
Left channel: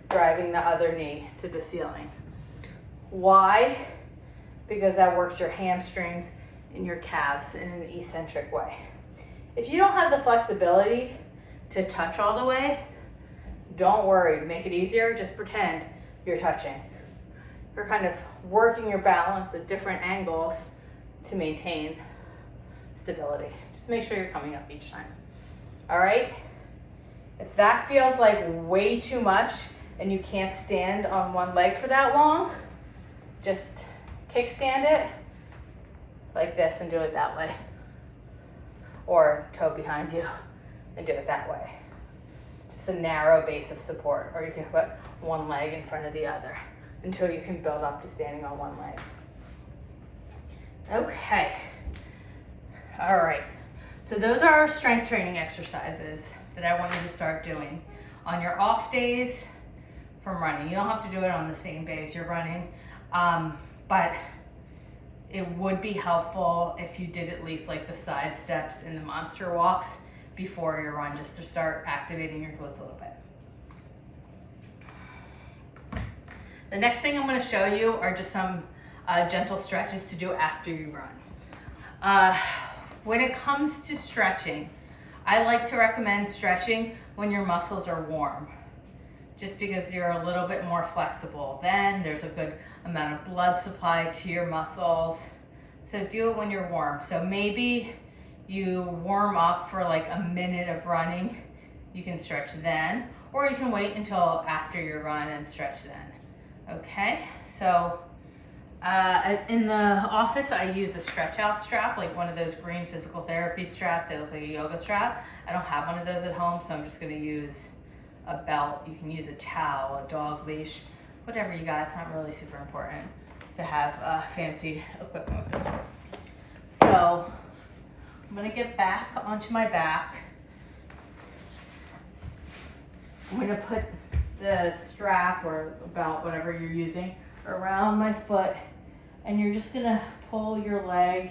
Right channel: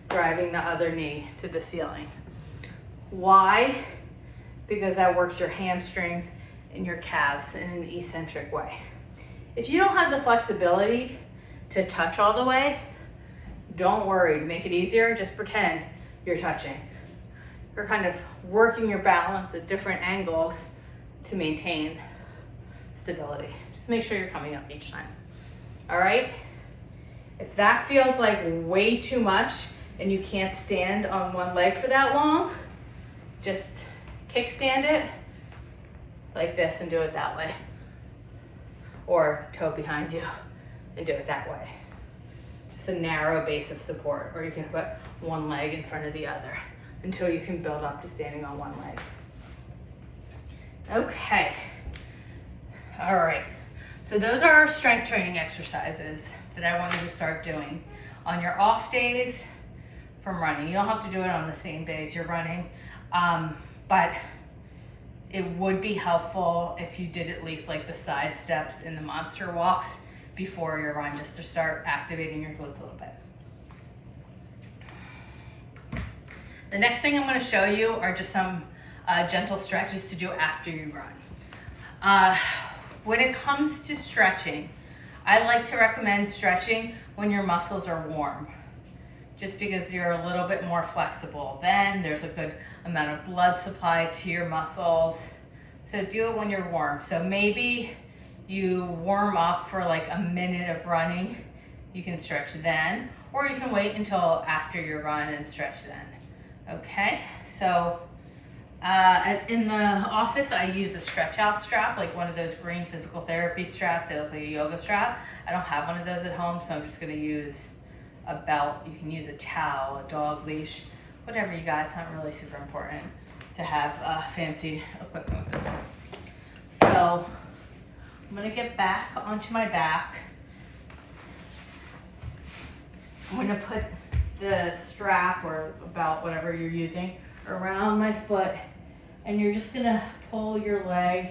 driving the other knee to the ceiling. Why? Because that works your hamstrings and your calves in an eccentric way. If you don't have the flexibility to touch all the way, don't worry. To make it easier, just pretend you're touching. You're kind of working your balance at different angles to maintain stability. Just make sure you're coming up each time. All right? If that feels like way too much and you can't stand on one leg for that long, just kickstand it like this and do it that way. Or toe behind you and do it that way. Just a narrow base of support. Or you can put one leg in front of the other until you can build up to standing on one leg. Okay. All right. So those are our strength training exercises that I want you to start doing on your off days from running. You don't have to do it on the same days you're running, but it would be helpful if you did at least like the side steps and the monster walks before your run, just to start activating your glutes a little bit. The next thing I'm going to show you are just some gentle stretches to do after you run. When it comes to stretching, I like to recommend stretching when your muscles are warm, just because you're a little bit more flexible. Then there's a good amount of blood supply to your muscles. So do it when you're warm. So maybe you warm up for like a minute of running. You can stretch then, or you can wait until after your run and stretch then. Okay, so in the office, I use a stretch out strap, like one of those green physical therapy straps. They look like a yoga strap. I don't have one of those at home, so I'm just gonna use a belt. You can use a towel, a dog leash, whatever you got. It's not really super important to have fancy equipment with this one. So I'm gonna get back onto my back. I'm gonna put the strap or belt, whatever you're using, around my foot, and you're just gonna pull your leg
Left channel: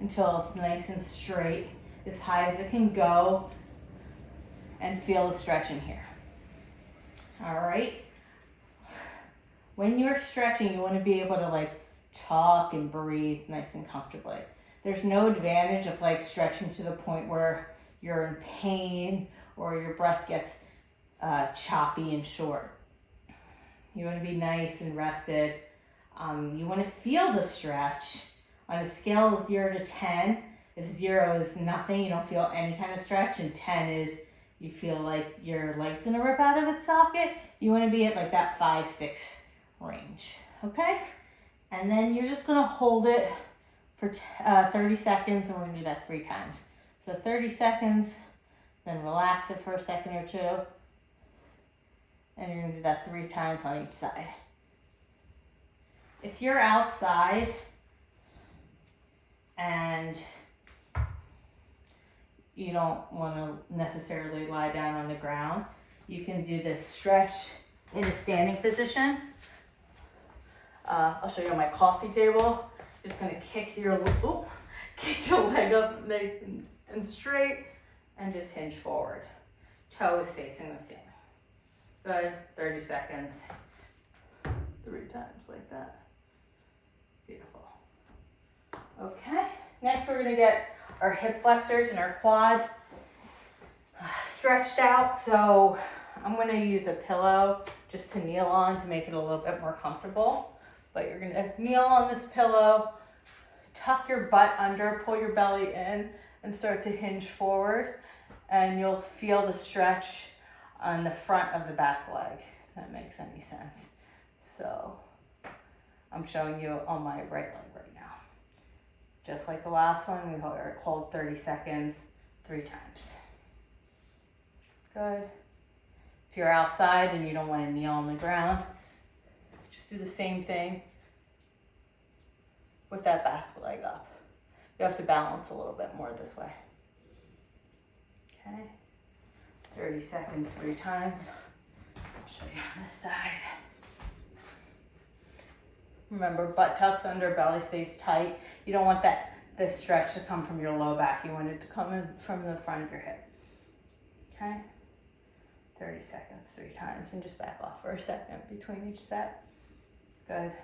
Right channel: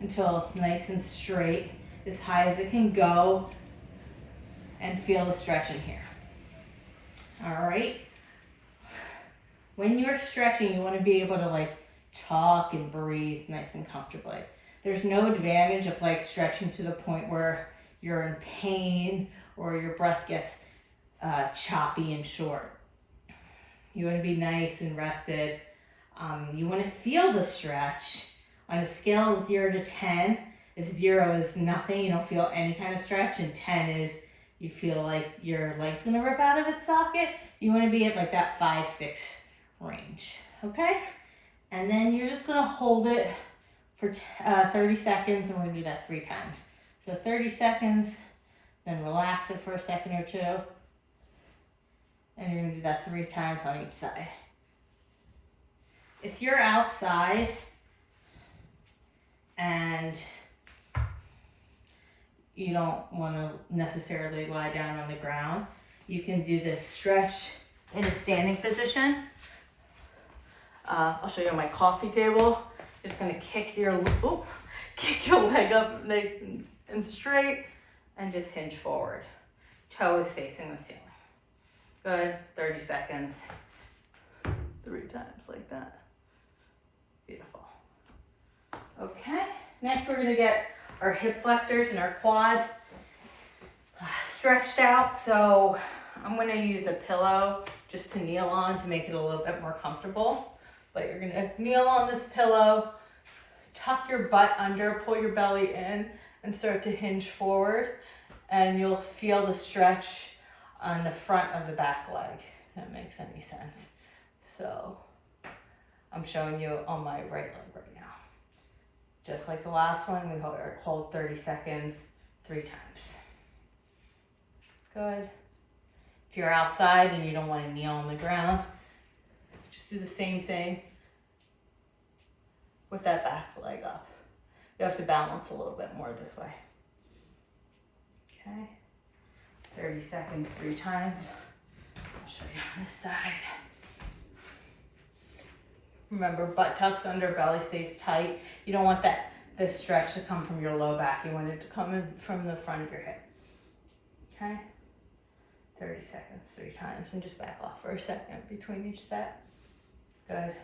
until it's nice and straight, as high as it can go, and feel the stretching here. All right. When you're stretching, you want to be able to like talk and breathe nice and comfortably. There's no advantage of like stretching to the point where you're in pain or your breath gets choppy and short. You want to be nice and rested. You want to feel the stretch on a scale of 0 to 10. If 0 is nothing, you don't feel any kind of stretch, and 10 is you feel like your leg's gonna rip out of its socket, you want to be at like that 5-6 range. Okay, and then you're just gonna hold it for 30 seconds, and we're gonna do that 3 times. So 30 seconds, then relax it for a second or two, and you're gonna do that 3 times on each side. if you're outside and you don't want to necessarily lie down on the ground, you can do this stretch in a standing position. I'll show you on my coffee table. Just gonna kick your leg up nice and straight and just hinge forward. Toe is facing the ceiling. Good, 30 seconds. 3 times like that. Beautiful. Okay, next we're gonna get our hip flexors and our quad stretched out. So I'm gonna use a pillow just to kneel on to make it a little bit more comfortable. But you're gonna kneel on this pillow, tuck your butt under, pull your belly in, and start to hinge forward. And you'll feel the stretch on the front of the back leg, if that makes any sense. So I'm showing you on my right leg right now. Just like the last one, we hold 30 seconds, 3 times. Good. If you're outside and you don't want to kneel on the ground, just do the same thing with that back leg up. You have to balance a little bit more this way. Okay. 30 seconds, 3 times. I'll show you on this side. Remember, butt tucks under, belly stays tight. You don't want the stretch to come from your low back. You want it to come in from the front of your hip. Okay? 30 seconds, 3 times, and just back off for a second between each set. Good.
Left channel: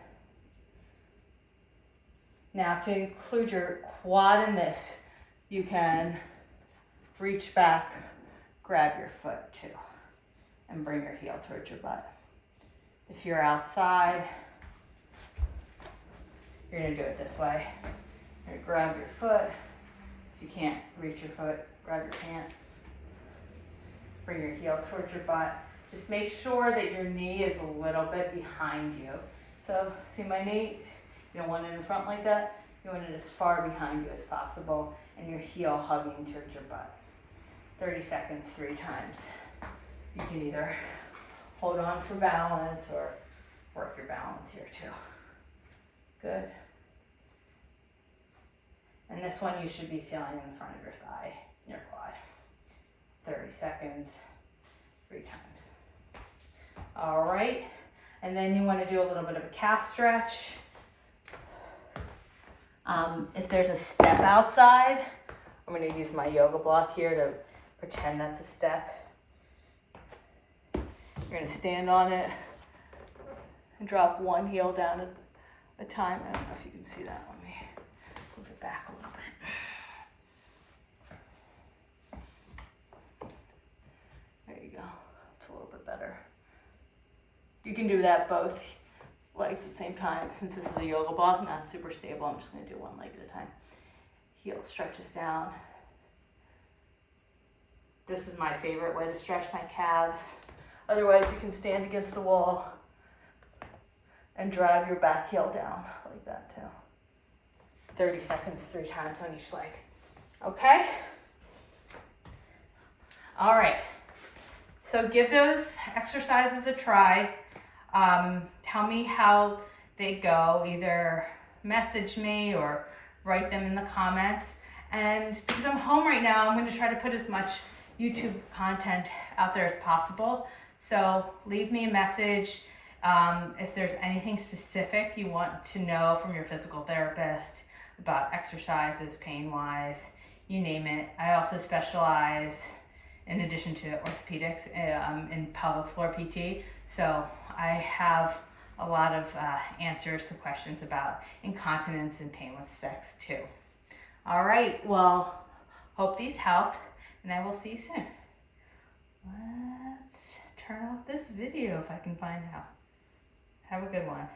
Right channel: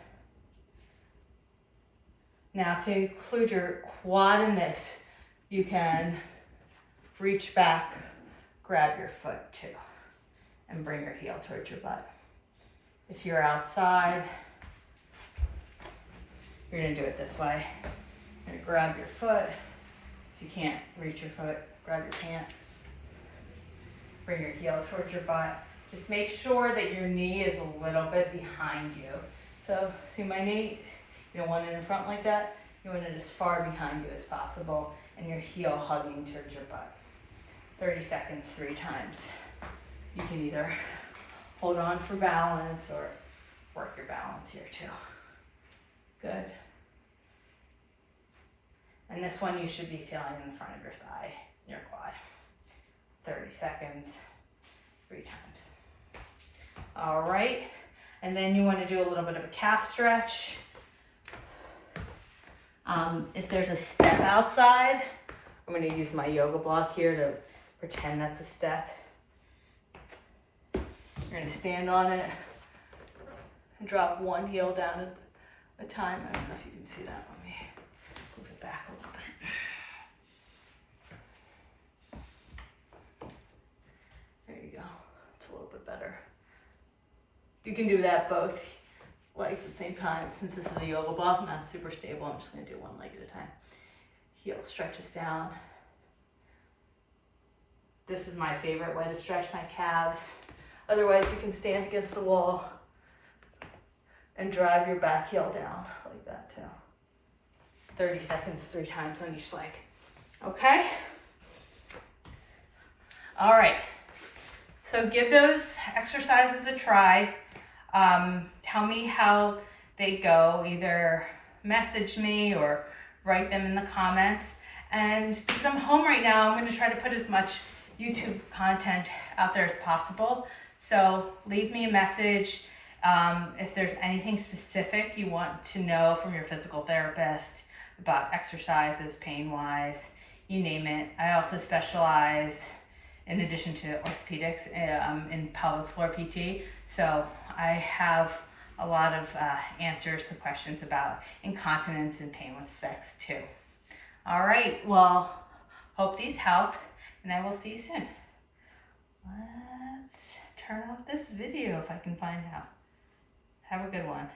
Now to include your quad in this, you can reach back, grab your foot too, and bring your heel towards your butt. If you're outside, you're gonna do it this way. You're gonna grab your foot. If you can't reach your foot, grab your pant. Bring your heel towards your butt. Just make sure that your knee is a little bit behind you. So see my knee? You don't want it in front like that. You want it as far behind you as possible and your heel hugging towards your butt. 30 seconds, 3 times. You can either hold on for balance or work your balance here too. Good. And this one you should be feeling in the front of your thigh, your quad. 30 seconds, 3 times. All right, and then you want to do a little bit of a calf stretch. If there's a step outside, I'm going to use my yoga block here to pretend that's a step. You're going to stand on it and drop one heel down at a time. I don't know if you can see that. Let me move it back a little bit. There you go. It's a little bit better. You can do that both legs at the same time. Since this is a yoga block, not super stable, I'm just going to do one leg at a time. Heel stretches down. This is my favorite way to stretch my calves. Otherwise, you can stand against the wall and drive your back heel down like that too. 30 seconds, 3 times on each leg. Okay? All right. So give those exercises a try. Tell me how they go. Either message me or write them in the comments. And because I'm home right now, I'm going to try to put as much YouTube content out there as possible. So leave me a message if there's anything specific you want to know from your physical therapist about exercises, pain-wise, you name it. I also specialize, in addition to orthopedics, in pelvic floor PT. So I have a lot of answers to questions about incontinence and pain with sex too. All right, well, hope these helped, and I will see you soon. Let's turn off this video if I can find out. Have a good one.